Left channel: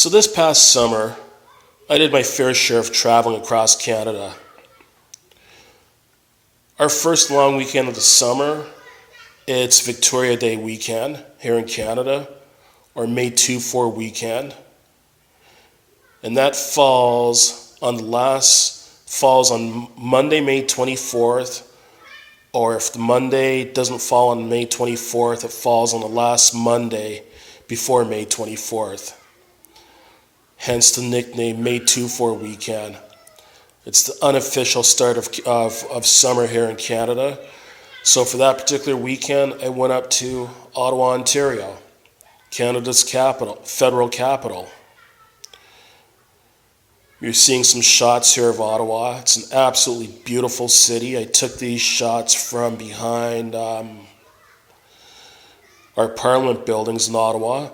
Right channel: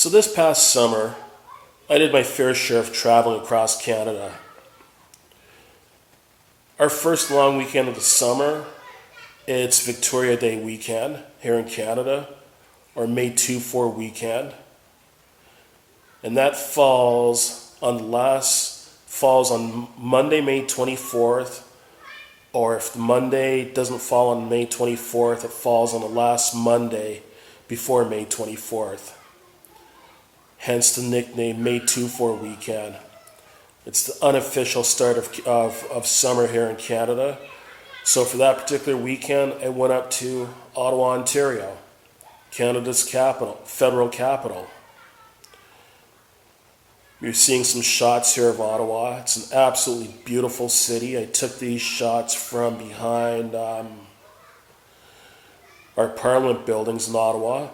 So this past summer, I did my fair share of traveling across Canada. Our first long weekend of the summer, it's Victoria Day weekend here in Canada, or May 2-4 weekend. And that falls on Monday, May 24th, or if the Monday doesn't fall on May 24th, it falls on the last Monday before May 24th. Hence the nickname May 2-4 weekend. It's the unofficial start of summer here in Canada. So for that particular weekend, I went up to Ottawa, Ontario, Canada's capital, federal capital. You're seeing some shots here of Ottawa. It's an absolutely beautiful city. I took these shots from behind our Parliament buildings in Ottawa.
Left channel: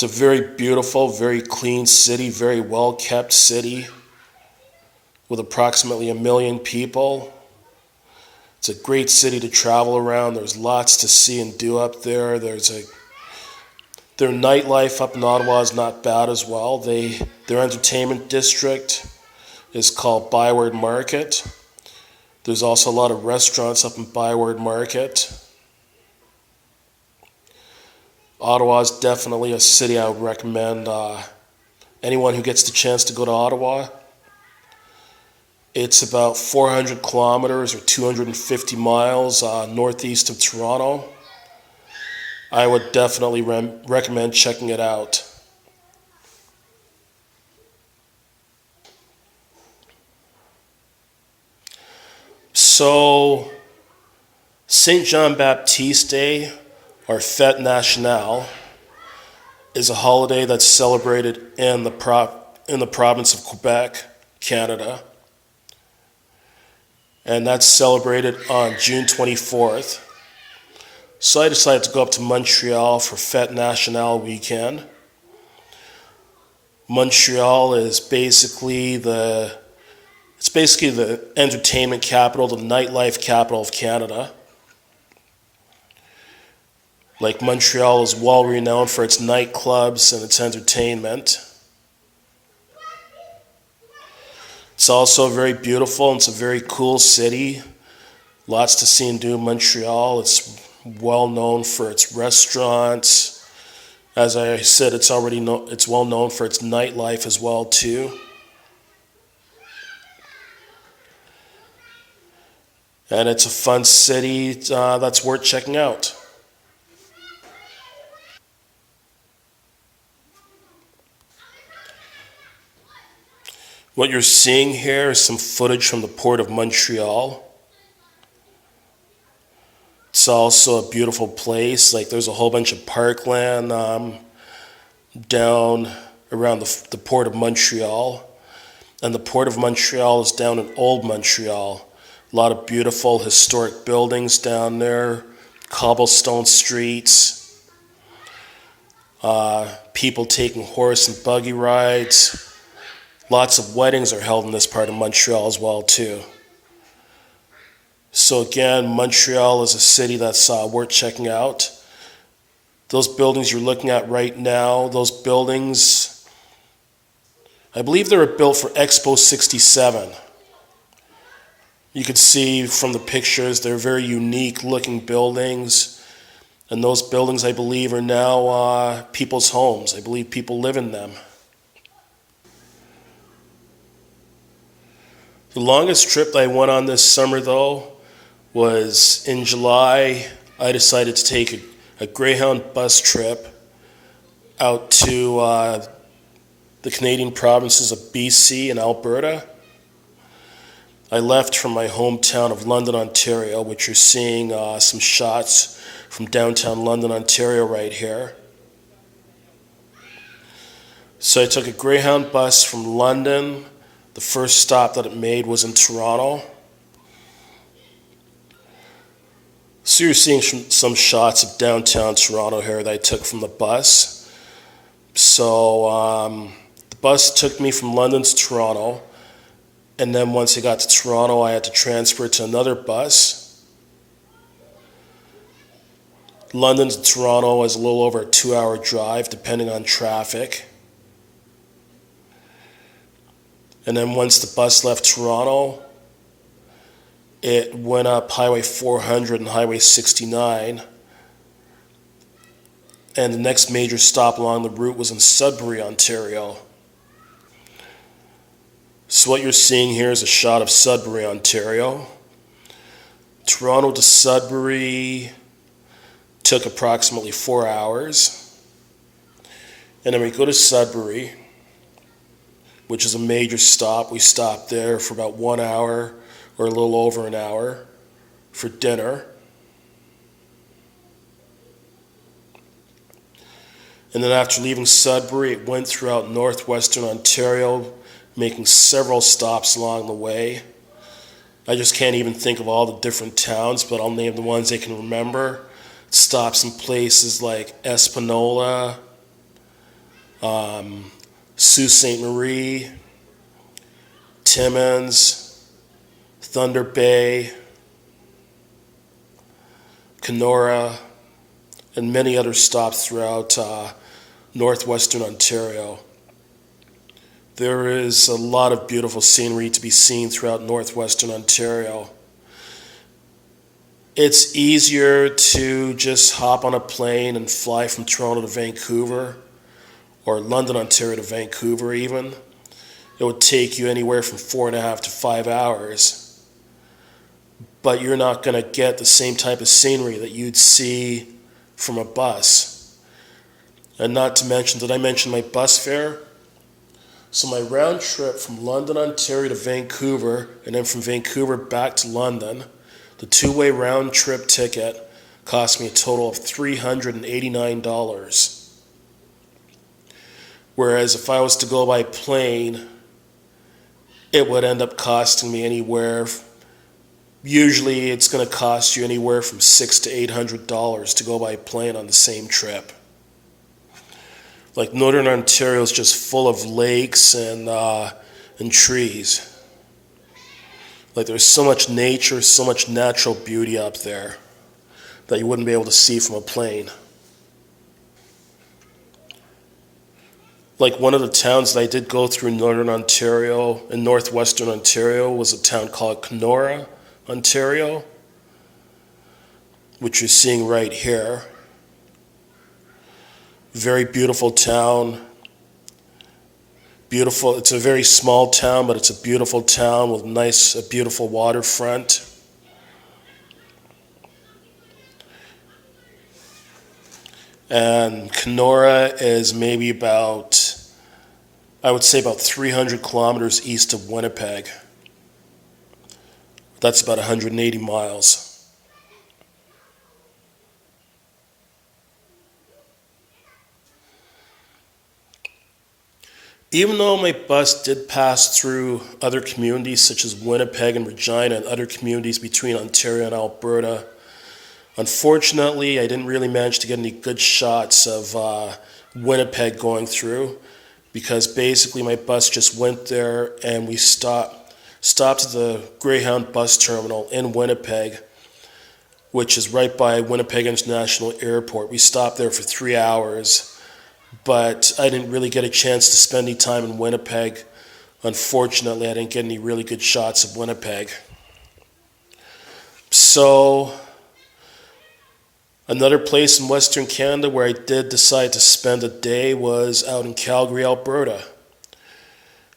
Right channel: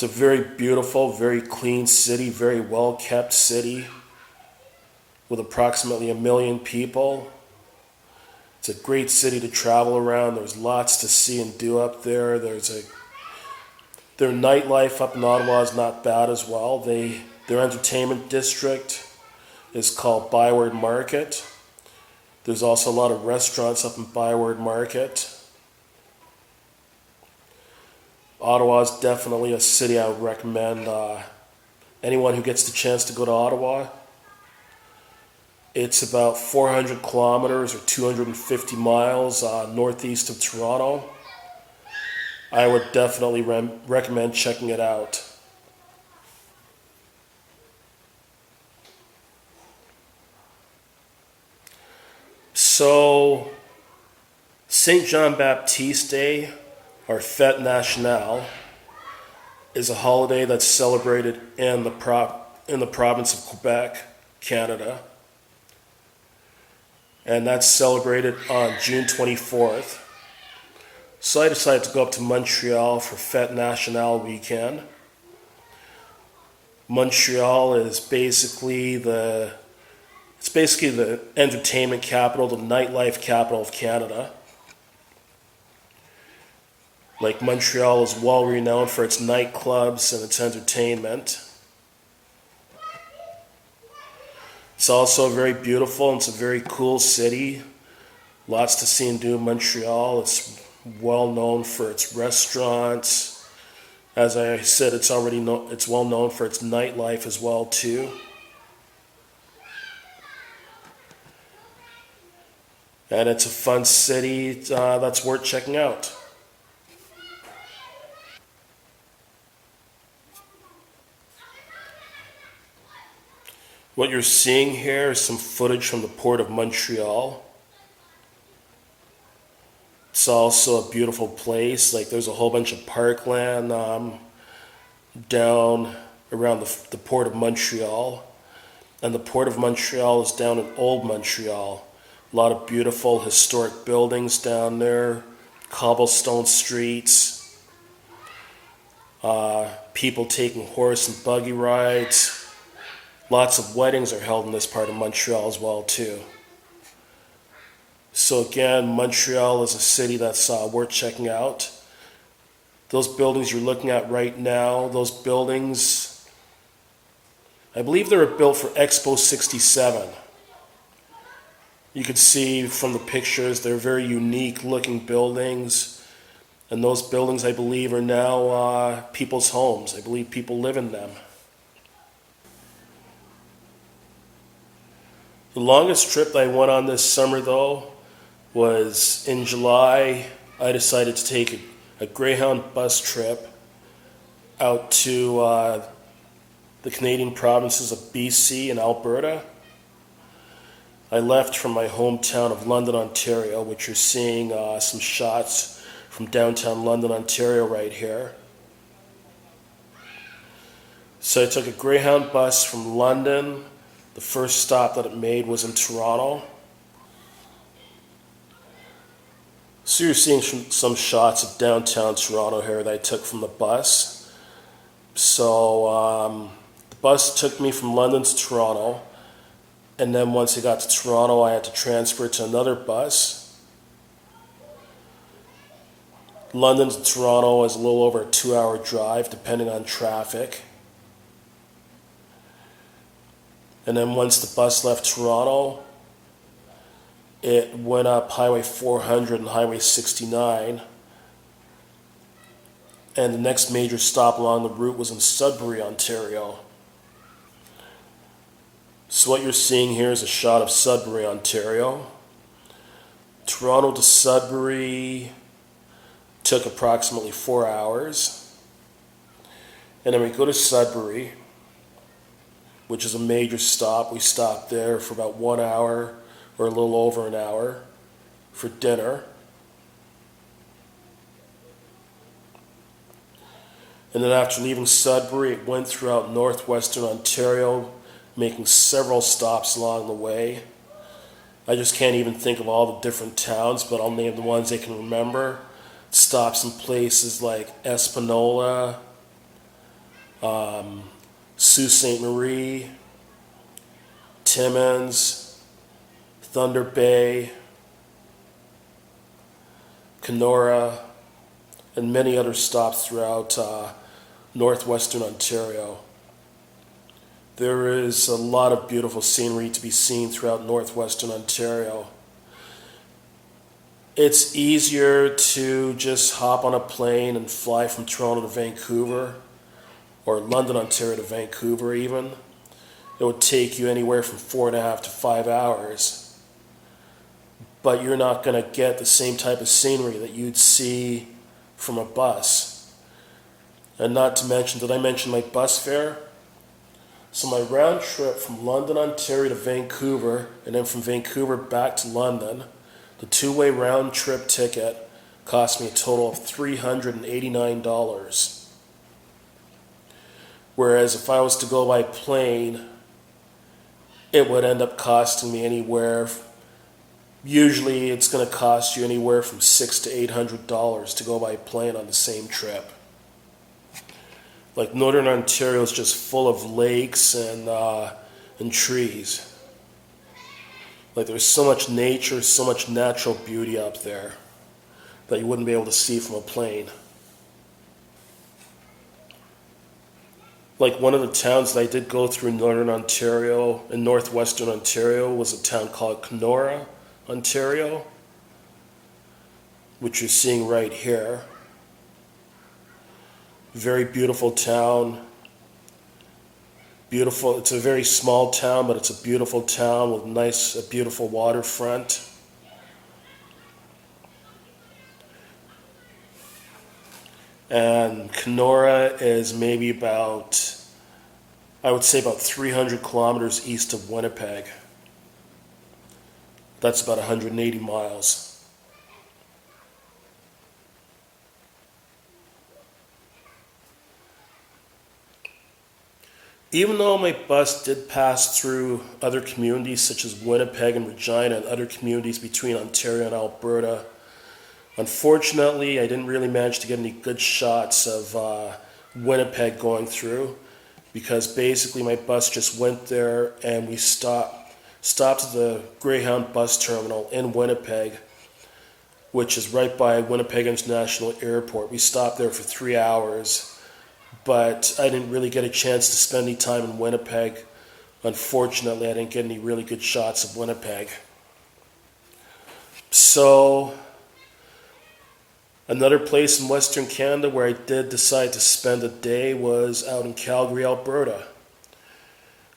It's a very beautiful, very clean city, very well-kept city with approximately 1 million people. It's a great city to travel around. There's lots to see and do up there. Their nightlife up in Ottawa is not bad as well. Their entertainment district is called Beckford Market. There's also a lot of restaurants up in Beckford Market. Ottawa is definitely a city I would recommend anyone who gets the chance to go to Ottawa. It's about 400 kilometers or 250 miles northeast of Toronto. I would definitely recommend checking it out. So, St. John Baptiste Day, or Fête Nationale, is a holiday that's celebrated in the province of Quebec, Canada. And that's celebrated on June 24th. So I decided to go up to Montreal for Fête Nationale weekend. Montreal is basically the entertainment capital, the nightlife capital of Canada. Like Montreal is well renowned for its nightclubs and its entertainment. It's also very beautiful and it's a very cool city. Lots to see and do in Montreal. It's well known for its restaurants. As I said, it's well known for its nightlife as well too. And it's a fun city that's worth checking out. What you're seeing here is some footage from the Port of Montreal. It's also a beautiful place. Like there's a whole bunch of parkland down around the Port of Montreal. And the Port of Montreal is down in Old Montreal. A lot of beautiful historic buildings down there, cobblestone streets, people taking horse and buggy rides. Lots of weddings are held in this part of Montreal as well too. So again, Montreal is a city that's worth checking out. Those buildings you're looking at right now, those buildings, I believe they were built for Expo 67. You could see from the pictures, they're very unique looking buildings. And those buildings, I believe, are now people's homes. I believe people live in them. The longest trip that I went on this summer, though, was in July. I decided to take a Greyhound bus trip out to the Canadian provinces of BC and Alberta. I left from my hometown of London, Ontario, which you're seeing some shots from downtown London, Ontario right here. So I took a Greyhound bus from London. The first stop that it made was in Toronto. So you're seeing some shots of downtown Toronto here that I took from the bus. So the bus took me from London to Toronto. And then once I got to Toronto, I had to transfer to another bus. London to Toronto is a little over a 2-hour drive, depending on traffic. And then once the bus left Toronto, it went up Highway 400 and Highway 69. And the next major stop along the route was in Sudbury, Ontario. So what you're seeing here is a shot of Sudbury, Ontario. Toronto to Sudbury took approximately 4 hours. And then we go to Sudbury, which is a major stop. We stopped there for about 1 hour or a little over an hour for dinner. And then after leaving Sudbury, it went throughout northwestern Ontario, making several stops along the way. I just can't even think of all the different towns, but I'll name the ones I can remember. It stops in places like Espanola, Sault Ste. Marie, Timmins, Thunder Bay, Kenora, and many other stops throughout northwestern Ontario. There is a lot of beautiful scenery to be seen throughout northwestern Ontario. It's easier to just hop on a plane and fly from Toronto to Vancouver, or London, Ontario to Vancouver even. It would take you anywhere from 4.5 to 5 hours. But you're not going to get the same type of scenery that you'd see from a bus. And not to mention, did I mention my bus fare? So my round trip from London, Ontario to Vancouver, and then from Vancouver back to London, the two-way round trip ticket cost me a total of $389. Whereas if I was to go by plane, it would end up costing me usually it's going to cost you anywhere from $600 to $800 to go by plane on the same trip. Like Northern Ontario is just full of lakes and trees. Like there's so much nature, so much natural beauty up there that you wouldn't be able to see from a plane. Like one of the towns that I did go through in Northern Ontario and Northwestern Ontario was a town called Kenora, Ontario, which you're seeing right here. Very beautiful town. Beautiful. It's a very small town, but it's a beautiful town with a beautiful waterfront. And Kenora is maybe I would say about 300 kilometers east of Winnipeg. That's about 180 miles. Even though my bus did pass through other communities such as Winnipeg and Regina and other communities between Ontario and Alberta, unfortunately I didn't really manage to get any good shots of Winnipeg going through, because basically my bus just went there and we stopped at the Greyhound bus terminal in Winnipeg, which is right by Winnipeg International Airport. We stopped there for 3 hours. But I didn't really get a chance to spend any time in Winnipeg. Unfortunately, I didn't get any really good shots of Winnipeg. So, another place in Western Canada where I did decide to spend a day was out in Calgary, Alberta.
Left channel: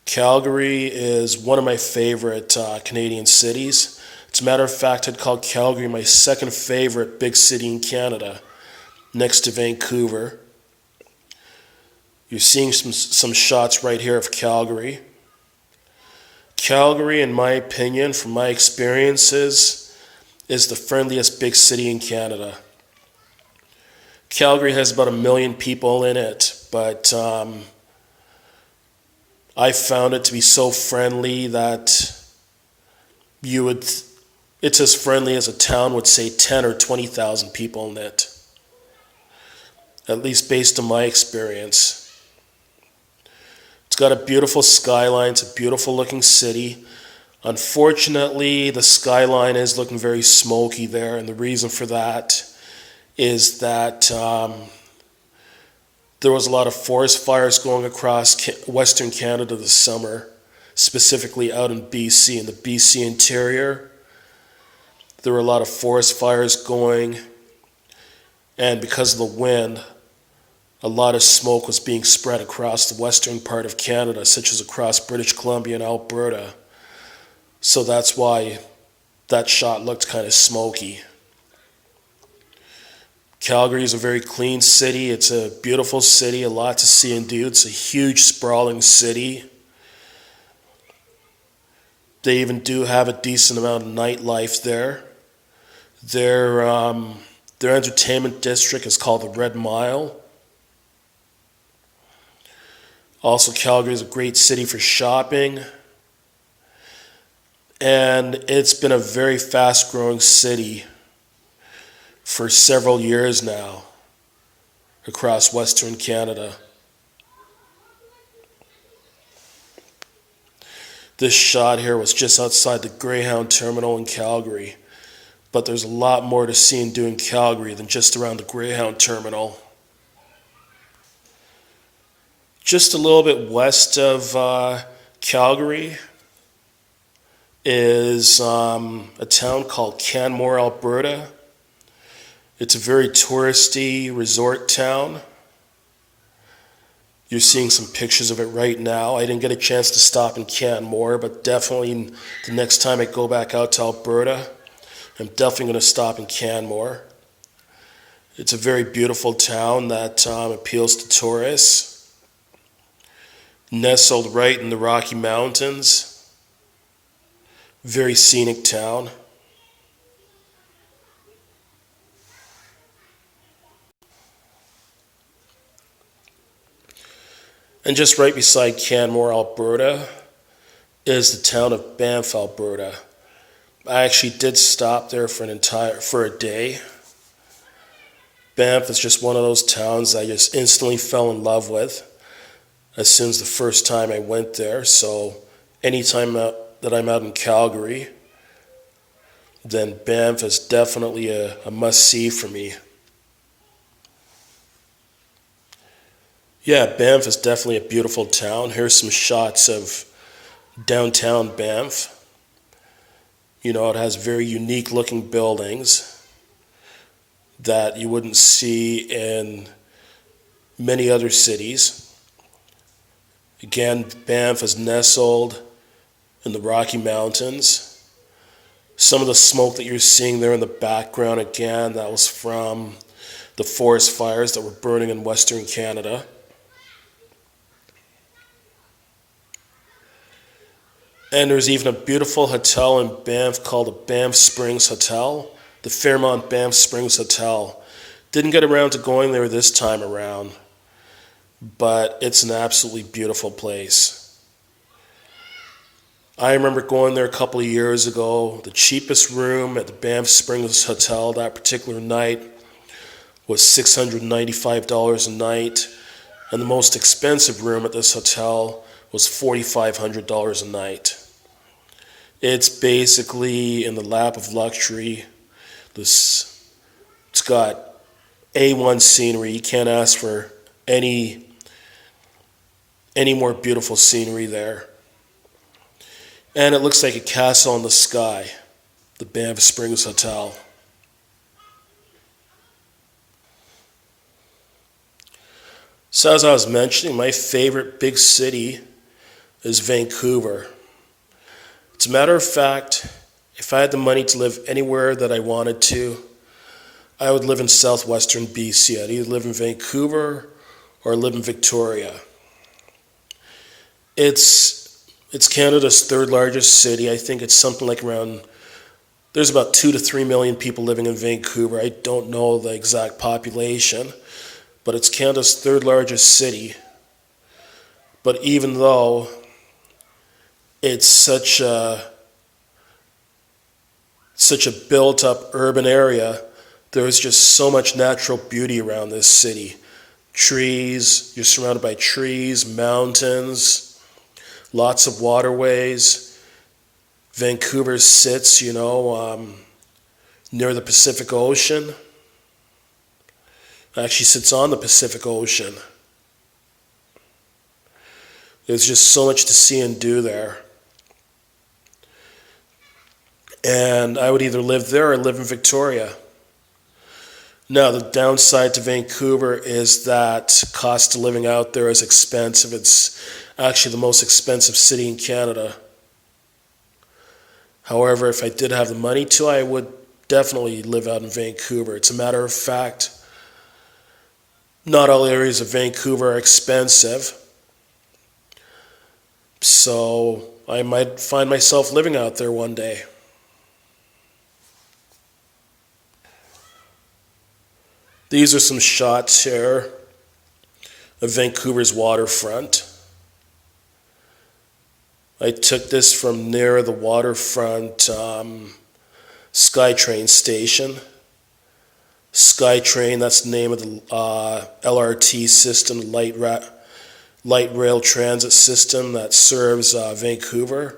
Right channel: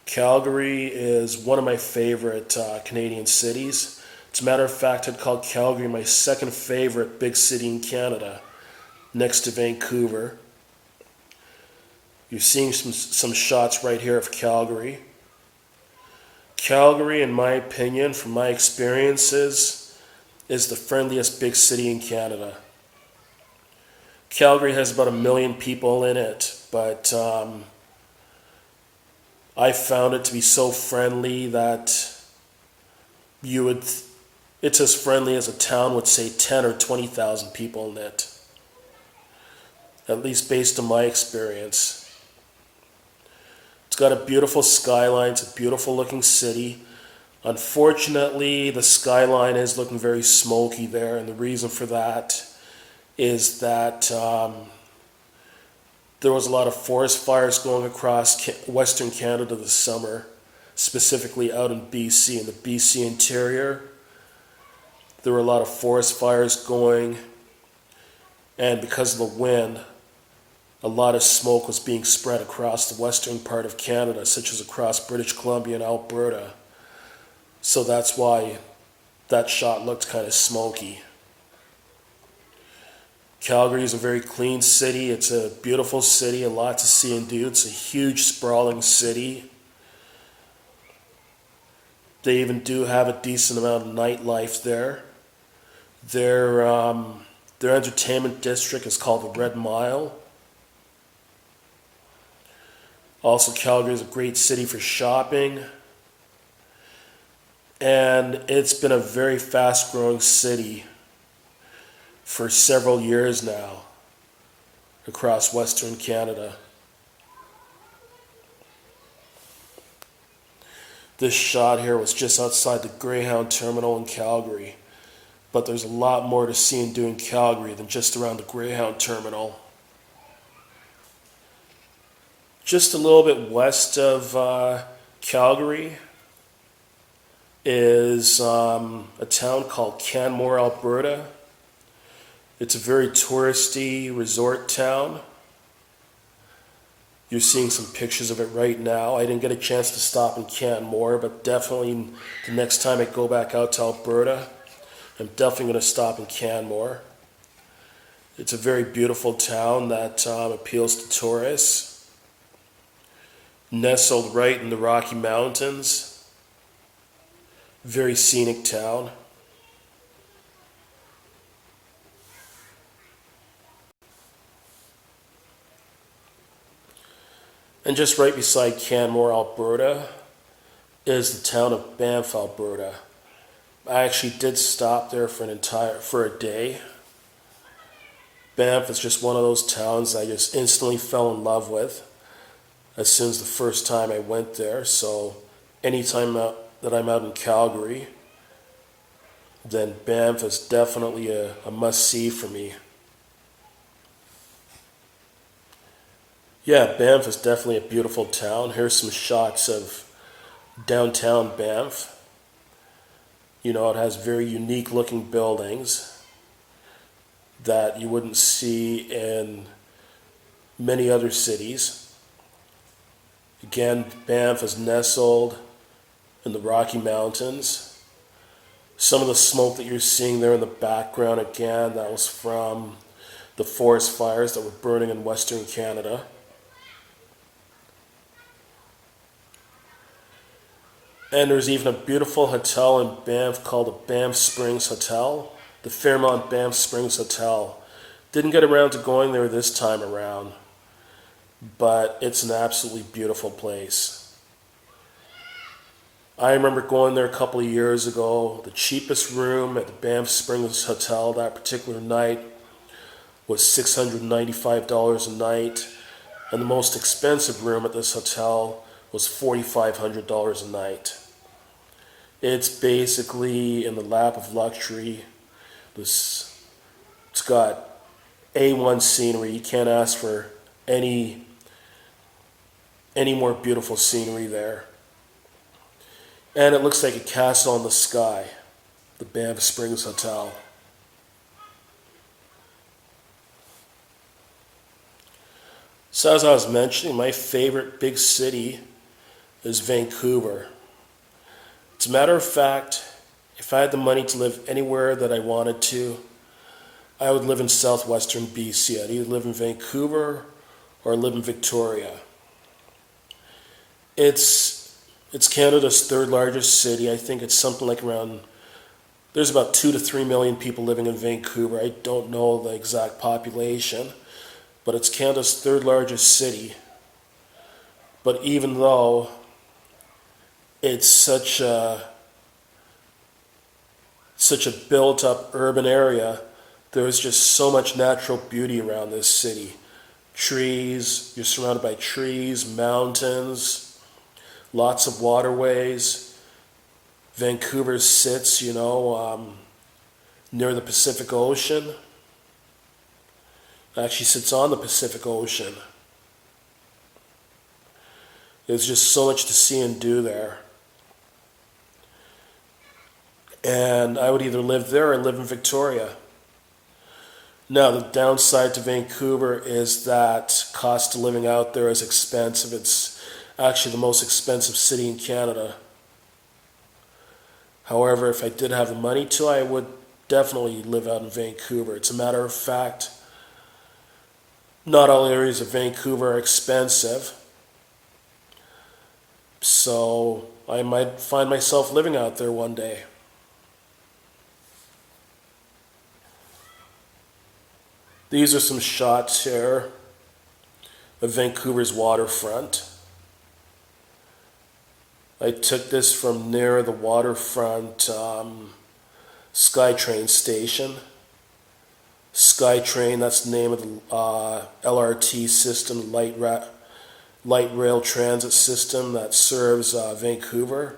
Calgary is one of my favorite Canadian cities. As a matter of fact, I'd call Calgary my second favorite big city in Canada, next to Vancouver. You're seeing some shots right here of Calgary. Calgary, in my opinion, from my experiences, is the friendliest big city in Canada. Calgary has about 1 million people in it, but I found it to be so friendly that it's as friendly as a town with, say, 10 or 20,000 people in it. At least based on my experience. It's got a beautiful skyline. It's a beautiful looking city. Unfortunately, the skyline is looking very smoky there, and the reason for that is that there was a lot of forest fires going across Western Canada this summer, specifically out in BC, in the BC interior. There were a lot of forest fires going, and because of the wind, a lot of smoke was being spread across the western part of Canada, such as across British Columbia and Alberta. So that's why that shot looked kind of smoky. Calgary is a very clean city. It's a beautiful city, a lot to see and do. It's a huge, sprawling city. They even do have a decent amount of nightlife there. Their entertainment district is called the Red Mile. Also, Calgary is a great city for shopping. And it's been a very fast-growing city for several years now across Western Canada. This shot here was just outside the Greyhound Terminal in Calgary. But there's a lot more to see and do in Calgary than just around the Greyhound Terminal. Just a little bit west of Calgary is a town called Canmore, Alberta. It's a very touristy resort town. You're seeing some pictures of it right now. I didn't get a chance to stop in Canmore, but definitely the next time I go back out to Alberta, I'm definitely going to stop in Canmore. It's a very beautiful town that appeals to tourists. Nestled right in the Rocky Mountains. Very scenic town. And just right beside Canmore, Alberta, is the town of Banff, Alberta. I actually did stop there for a day. Banff is just one of those towns I just instantly fell in love with as soon as the first time I went there. So anytime that I'm out in Calgary, then Banff is definitely a must-see for me. Yeah, Banff is definitely a beautiful town. Here's some shots of downtown Banff. You know, it has very unique looking buildings that you wouldn't see in many other cities. Again, Banff is nestled in the Rocky Mountains. Some of the smoke that you're seeing there in the background, again, that was from the forest fires that were burning in Western Canada. And there's even a beautiful hotel in Banff called the Banff Springs Hotel, the Fairmont Banff Springs Hotel. Didn't get around to going there this time around, but it's an absolutely beautiful place. I remember going there a couple of years ago. The cheapest room at the Banff Springs Hotel that particular night was $695 a night, and the most expensive room at this hotel was $4,500 a night. It's basically in the lap of luxury. It's got A1 scenery. You can't ask for any more beautiful scenery there. And it looks like a castle in the sky, the Banff Springs Hotel. So as I was mentioning, my favorite big city is Vancouver. As a matter of fact, if I had the money to live anywhere that I wanted to, I would live in southwestern BC. I'd either live in Vancouver or live in Victoria. It's Canada's third largest city. I think it's something like there's about 2 to 3 million people living in Vancouver. I don't know the exact population, but it's Canada's third largest city. But even though it's such a built-up urban area, there's just so much natural beauty around this city. Trees, you're surrounded by trees, mountains, lots of waterways. Vancouver sits, near the Pacific Ocean. It actually sits on the Pacific Ocean. There's just so much to see and do there. And I would either live there or live in Victoria. Now, the downside to Vancouver is that cost of living out there is expensive. It's actually the most expensive city in Canada. However, if I did have the money to, I would definitely live out in Vancouver. It's a matter of fact, not all areas of Vancouver are expensive. So I might find myself living out there one day. These are some shots here of Vancouver's waterfront. I took this from near the waterfront SkyTrain station. SkyTrain, that's the name of the LRT system, light rail transit system that serves Vancouver.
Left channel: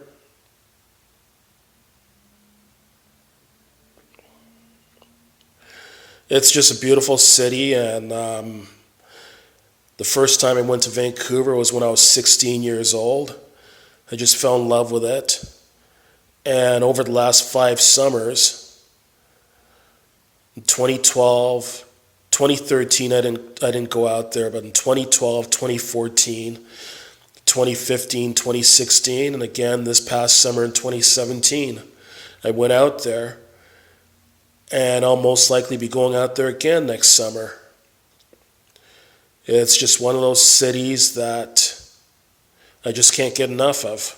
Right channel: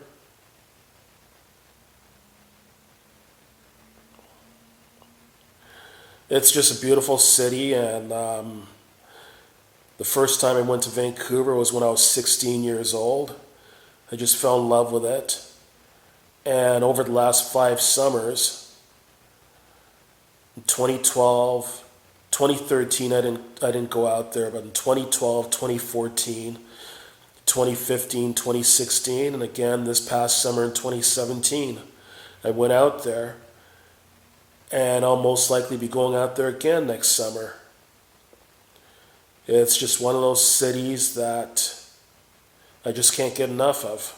It's just a beautiful city, and the first time I went to Vancouver was when I was 16 years old. I just fell in love with it. And over the last 5 summers, in 2012, 2013 I didn't go out there, but in 2012, 2014, 2015, 2016, and again this past summer in 2017, I went out there. And I'll most likely be going out there again next summer. It's just one of those cities that I just can't get enough of.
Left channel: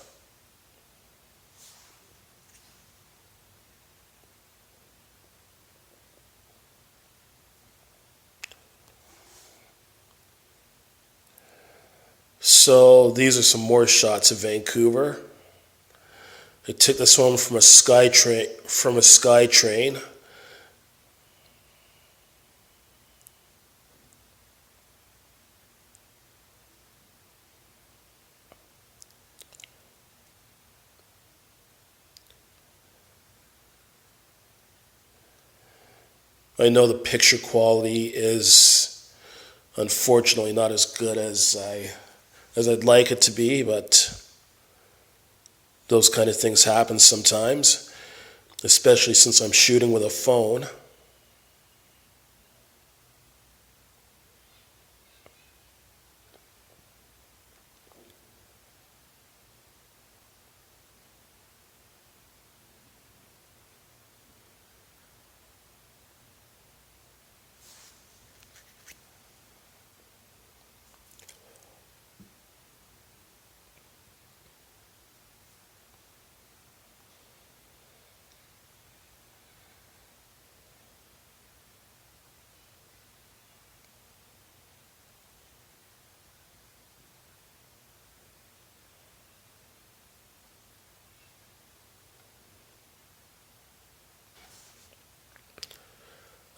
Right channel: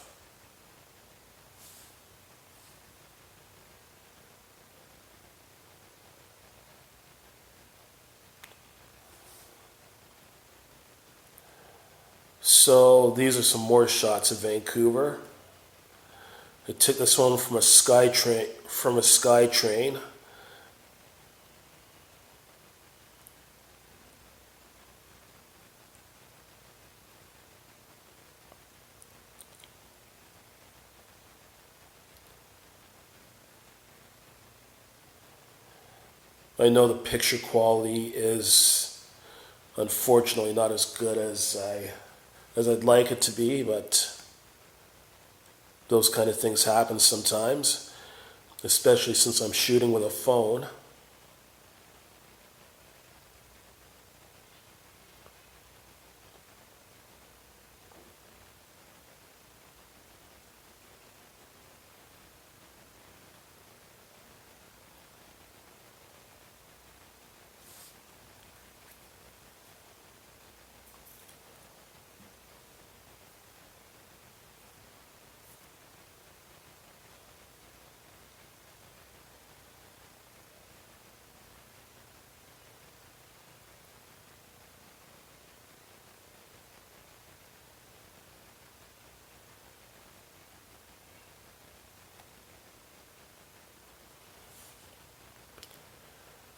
So these are some more shots of Vancouver. I took this one from a SkyTrain. I know the picture quality is unfortunately not as good as I'd like it to be, but those kind of things happen sometimes, especially since I'm shooting with a phone.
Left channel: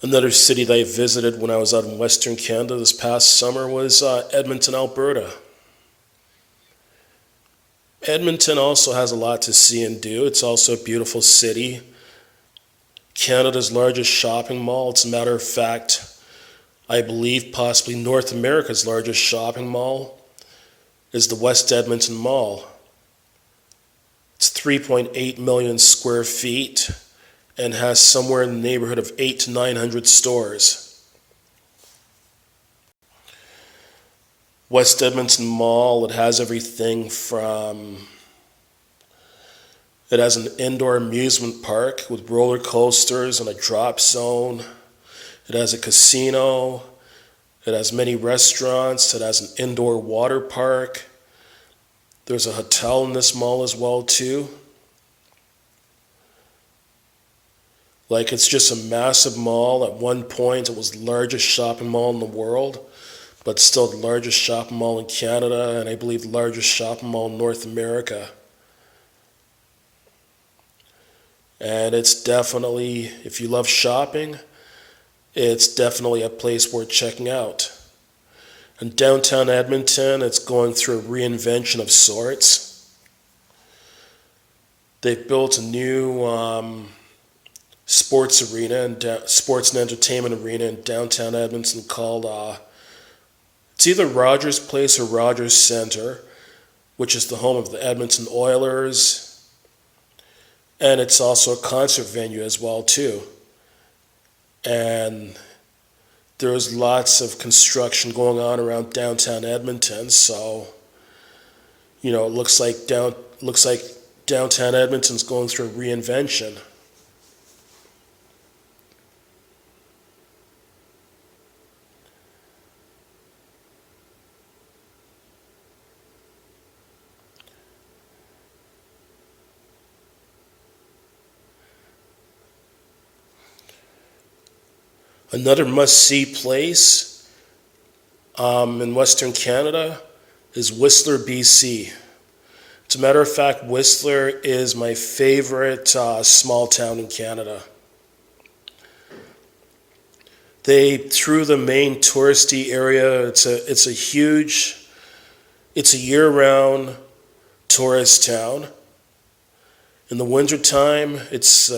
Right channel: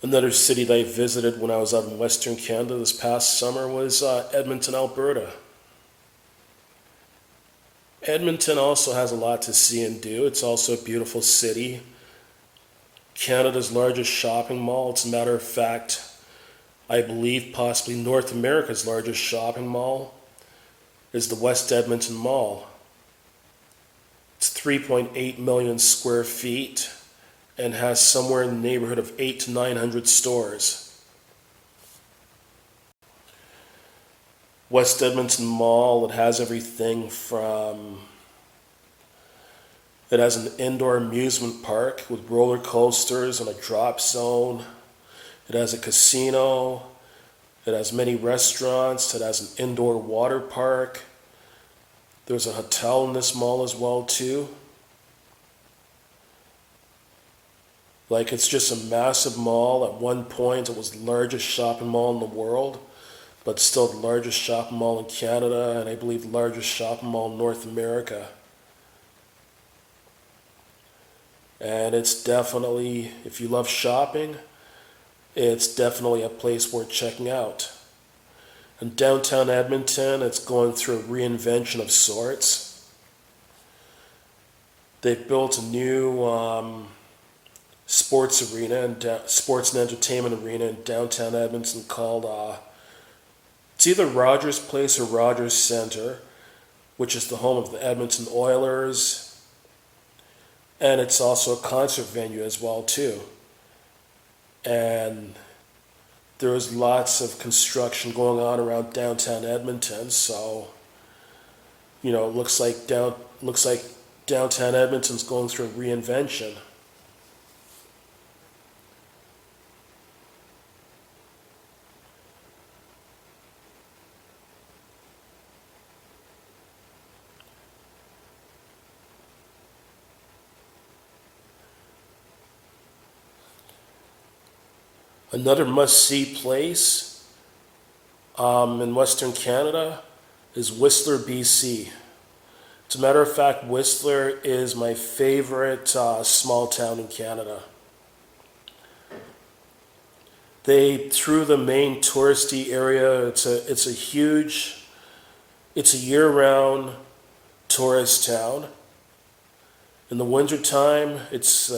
Another city that I visited when I was out in Western Canada this past summer was Edmonton, Alberta. Edmonton also has a lot to see and do. It's also a beautiful city. Canada's largest shopping mall. It's a matter of fact, I believe possibly North America's largest shopping mall is the West Edmonton Mall. It's 3.8 million square feet and has somewhere in the neighborhood of 800 to 900 stores. West Edmonton Mall, it has everything from, it has an indoor amusement park with roller coasters and a drop zone. It has a casino. It has many restaurants. It has an indoor water park. There's a hotel in this mall as well too. Like, it's just a massive mall. At one point, it was the largest shopping mall in the world, but still the largest shopping mall in Canada, and I believe the largest shopping mall in North America. And it's definitely, if you love shopping, it's definitely a place worth checking out. In downtown Edmonton, it's going through a reinvention of sorts. They've built a new sports arena and sports and entertainment arena in downtown Edmonton called it's either Rogers Place or Rogers Centre, which is the home of the Edmonton Oilers, and it's also a concert venue as well too. And there's lots of construction going on around downtown Edmonton, so it looks like downtown Edmonton's going through a reinvention. Another must-see place in Western Canada is Whistler, BC. As a matter of fact, Whistler is my favorite small town in Canada. Through the main touristy area, it's a year-round tourist town. In the wintertime, it's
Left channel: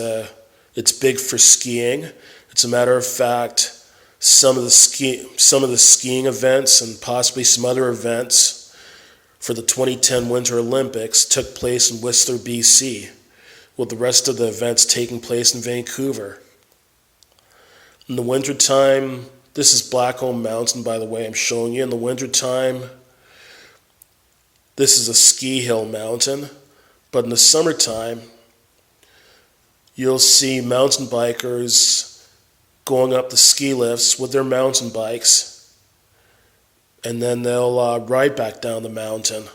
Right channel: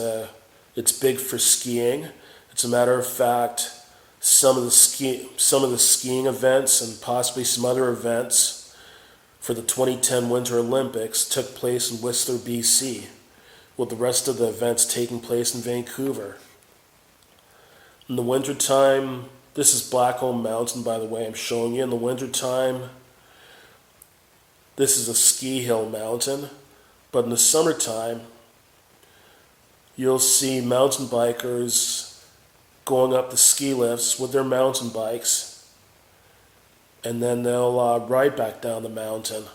big for skiing. As a matter of fact, some of the skiing events and possibly some other events for the 2010 Winter Olympics took place in Whistler, BC, with the rest of the events taking place in Vancouver. In the wintertime, this is Blackcomb Mountain, by the way, I'm showing you. In the wintertime, this is a ski hill mountain, but in the summertime, you'll see mountain bikers going up the ski lifts with their mountain bikes, and then they'll ride back down the mountain.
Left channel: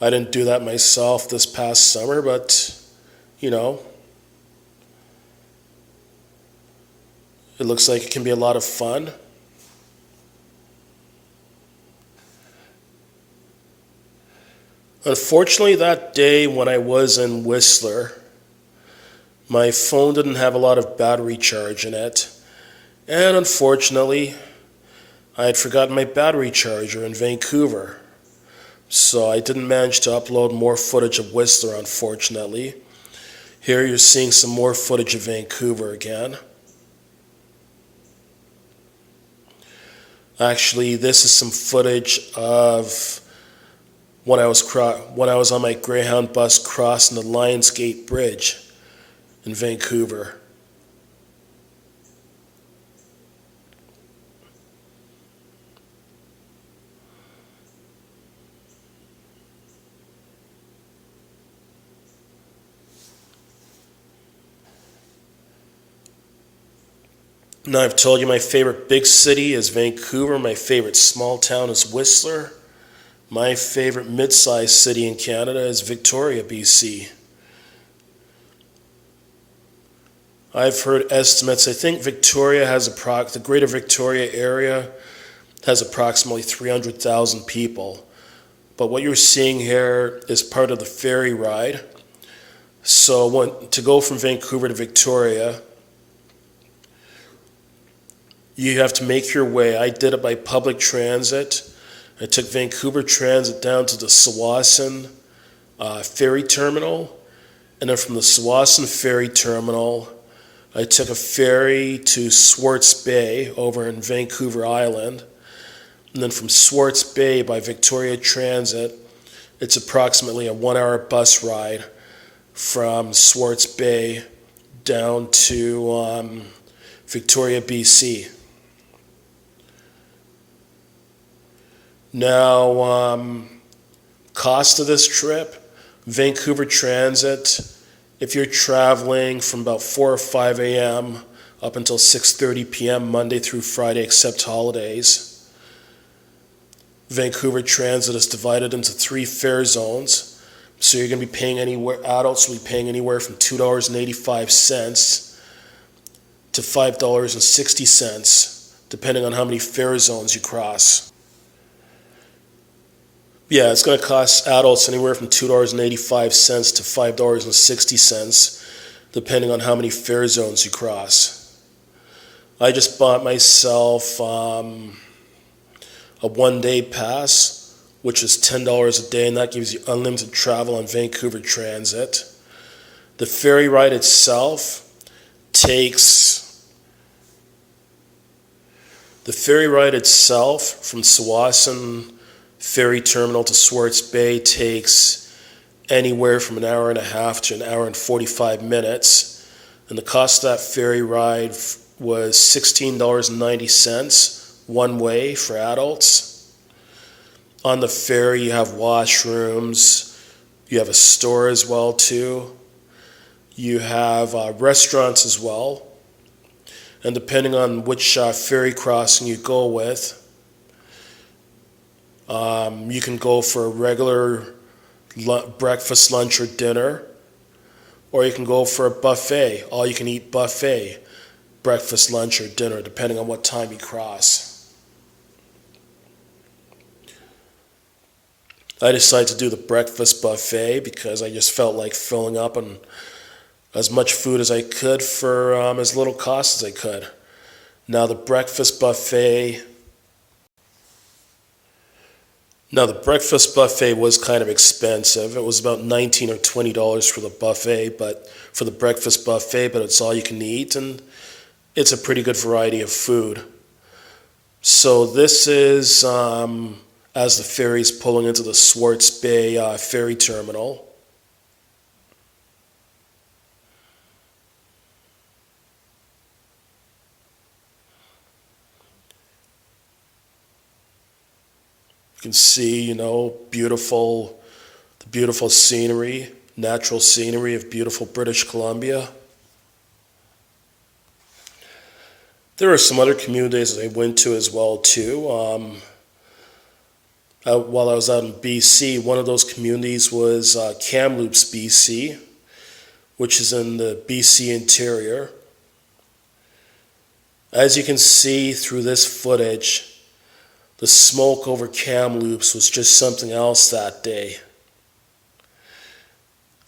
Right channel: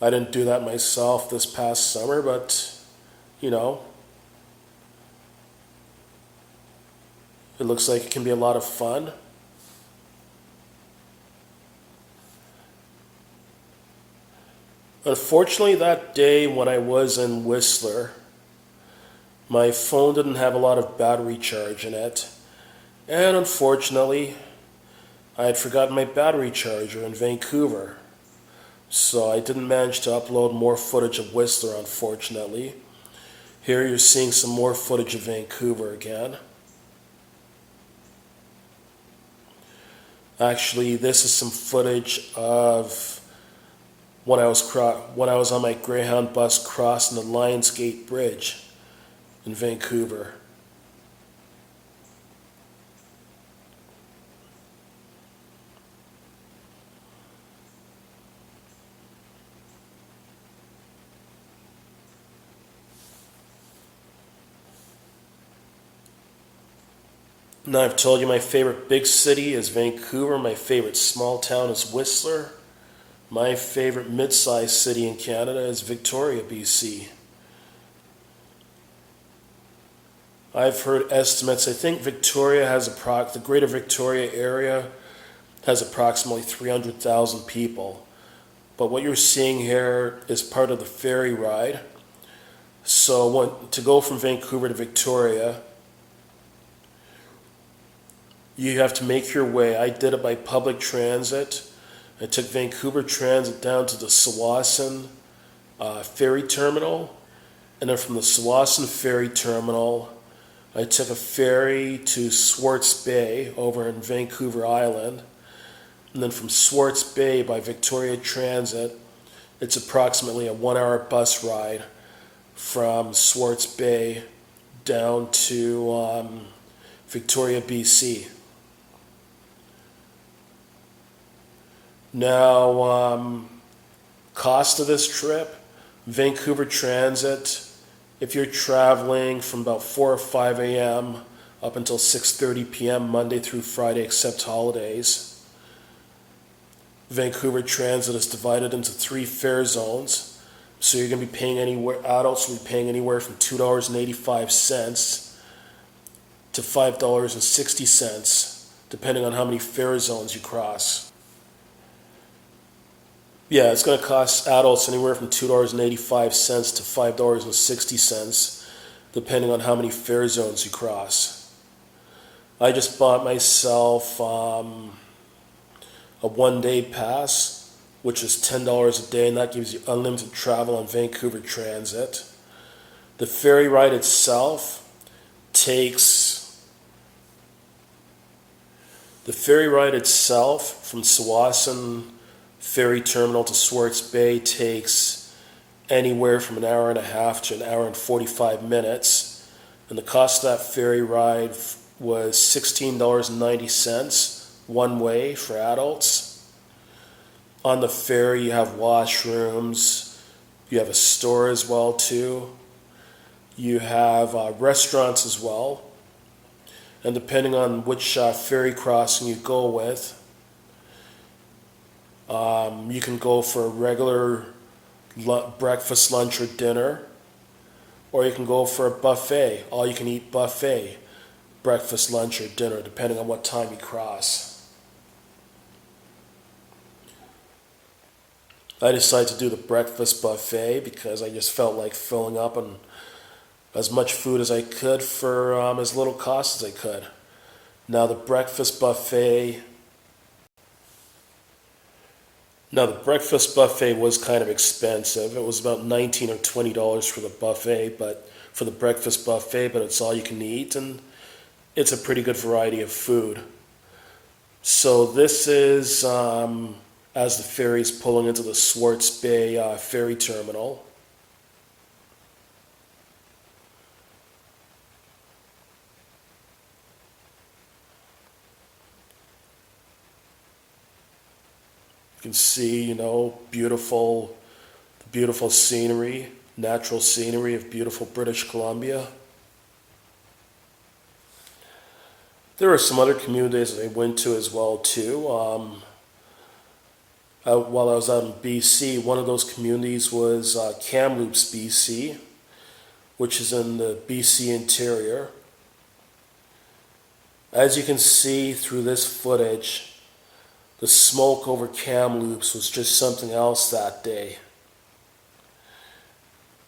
I didn't do that myself this past summer, but it looks like it can be a lot of fun. Unfortunately, that day when I was in Whistler, my phone didn't have a lot of battery charge in it. And unfortunately, I had forgotten my battery charger in Vancouver. So I didn't manage to upload more footage of Whistler, unfortunately. Here you're seeing some more footage of Vancouver again. Actually, this is some footage of when I was on my Greyhound bus crossing the Lionsgate Bridge in Vancouver. Now I've told you my favorite big city is Vancouver, my favorite small town is Whistler. My favorite mid-sized city in Canada is Victoria, BC. I've heard estimates. I think the Greater Victoria area has approximately 300,000 people. But what you're seeing here is part of the ferry ride. So to go from Vancouver to Victoria, you have to make your way. I did it by public transit. I took Vancouver Transit down to the Tsawwassen ferry terminal, and then from the Tsawwassen ferry terminal, I took a ferry to Swartz Bay over in Vancouver Island, and then from Swartz Bay by Victoria Transit, it's approximately a 1-hour bus ride from Swartz Bay down to Victoria, BC. Now, cost of this trip, Vancouver Transit, if you're traveling from about 4 or 5 a.m. up until 6:30 p.m. Monday through Friday, except holidays, Vancouver Transit is divided into 3 fare zones. So you're going to be paying adults will be paying anywhere from $2.85 to $5.60, depending on how many fare zones you cross. Yeah, it's going to cost adults anywhere from $2.85 to $5.60, depending on how many fare zones you cross. I just bought myself a one-day pass, which is $10 a day, and that gives you unlimited travel on Vancouver Transit. The ferry ride itself takes from Tsawwassen Ferry Terminal to Swartz Bay takes anywhere from an hour and a half to an hour and 45 minutes. And the cost of that ferry ride was $16.90 one way for adults. On the ferry you have washrooms, you have a store as well too. You have restaurants as well. And depending on which ferry crossing you go with, you can go for a regular breakfast, lunch, or dinner, or you can go for a buffet, all-you-can-eat buffet, breakfast, lunch, or dinner, depending on what time you cross. I decided to do the breakfast buffet because I just felt like filling up on as much food as I could for as little cost as I could. Now the breakfast buffet was kind of expensive. It was about $19 or $20 for the buffet, but it's all you can eat, and it's a pretty good variety of food. So this is as the ferry's pulling into the Swartz Bay ferry terminal. You can see, the beautiful scenery, natural scenery of beautiful British Columbia. There are some other communities that I went to as well too. While I was out in BC, one of those communities was Kamloops, BC, which is in the BC interior. As you can see through this footage, the smoke over Kamloops was just something else that day.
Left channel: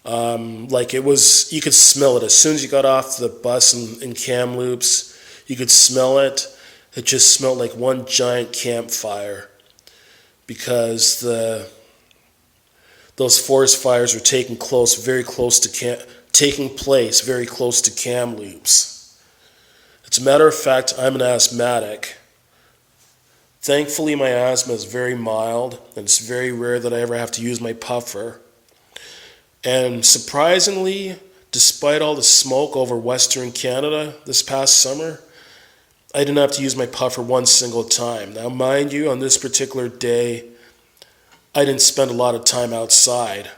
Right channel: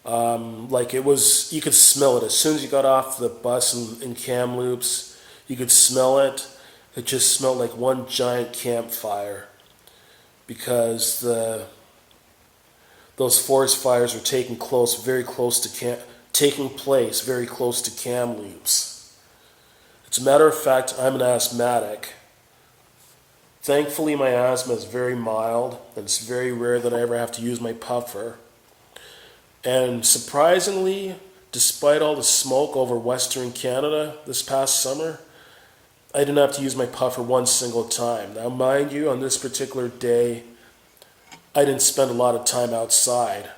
You could smell it. As soon as you got off the bus in Kamloops, you could smell it. It just smelled like one giant campfire because those forest fires were taking place very close to Kamloops. As a matter of fact, I'm an asthmatic. Thankfully, my asthma is very mild, and it's very rare that I ever have to use my puffer. And surprisingly, despite all the smoke over Western Canada this past summer, I didn't have to use my puffer one single time. Now, mind you, on this particular day, I didn't spend a lot of time outside.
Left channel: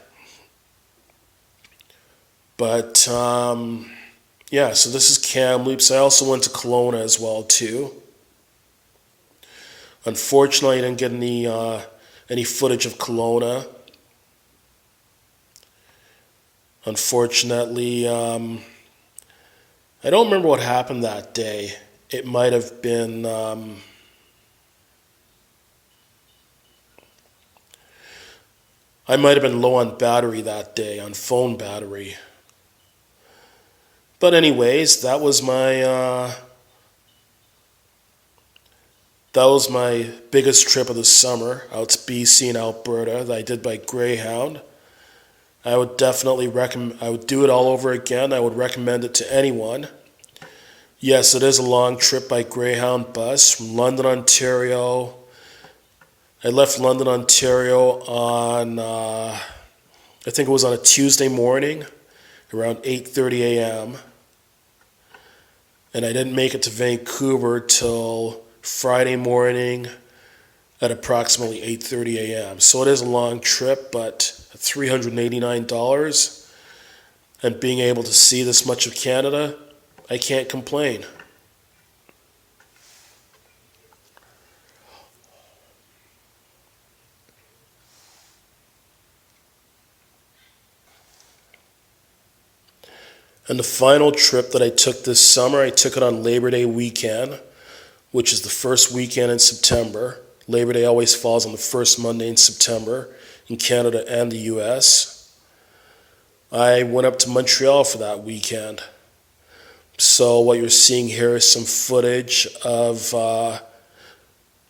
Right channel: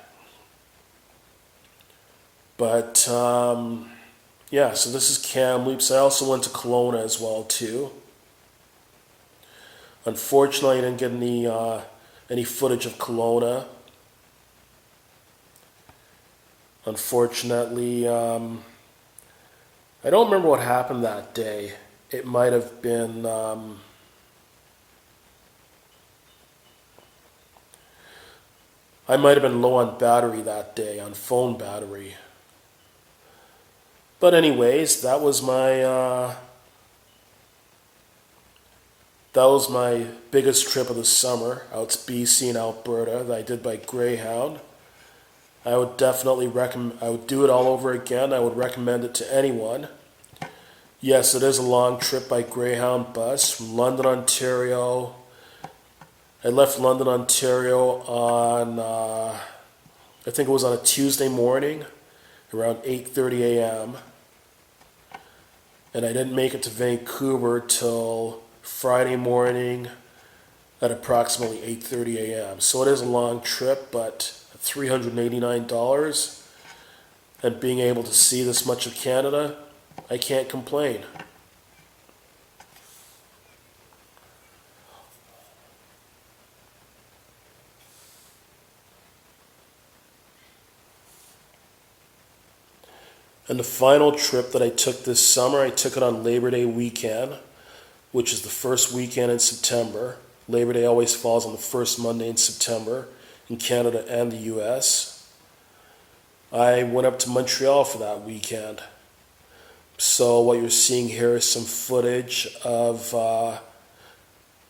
But, so this is Kamloops. I also went to Kelowna as well, too. Unfortunately, I didn't get any footage of Kelowna. Unfortunately, I don't remember what happened that day. It might have been I might have been low on battery that day, on phone battery. But anyways, that was my biggest trip of the summer out to BC and Alberta that I did by Greyhound. I would definitely I would do it all over again. I would recommend it to anyone. Yes, it is a long trip by Greyhound bus from London, Ontario. I left London, Ontario on, I think it was on a Tuesday morning, around 8:30 a.m. And I didn't make it to Vancouver till Friday morning at approximately 8:30 a.m. So it is a long trip, but $389 and being able to see this much of Canada, I can't complain. And the final trip that I took this summer, I took it on Labor Day weekend, which is the first weekend in September. Labor Day always falls on the first Monday in September in Canada and the US. I went up to Montreal for that weekend. So what you're seeing here is some footage of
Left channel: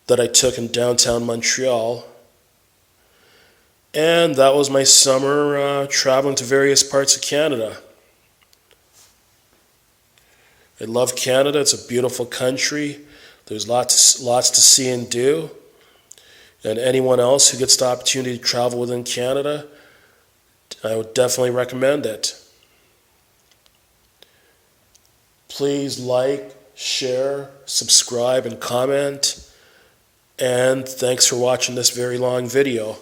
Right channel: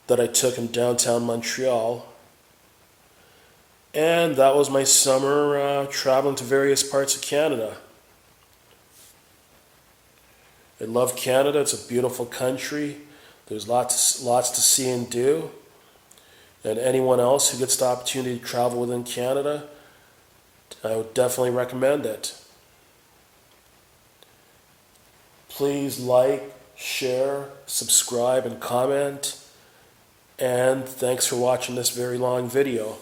that I took in downtown Montreal. And that was my summer traveling to various parts of Canada. I love Canada. It's a beautiful country. There's lots to see and do. And anyone else who gets the opportunity to travel within Canada, I would definitely recommend it. Please like, share, subscribe, and comment. And thanks for watching this very long video.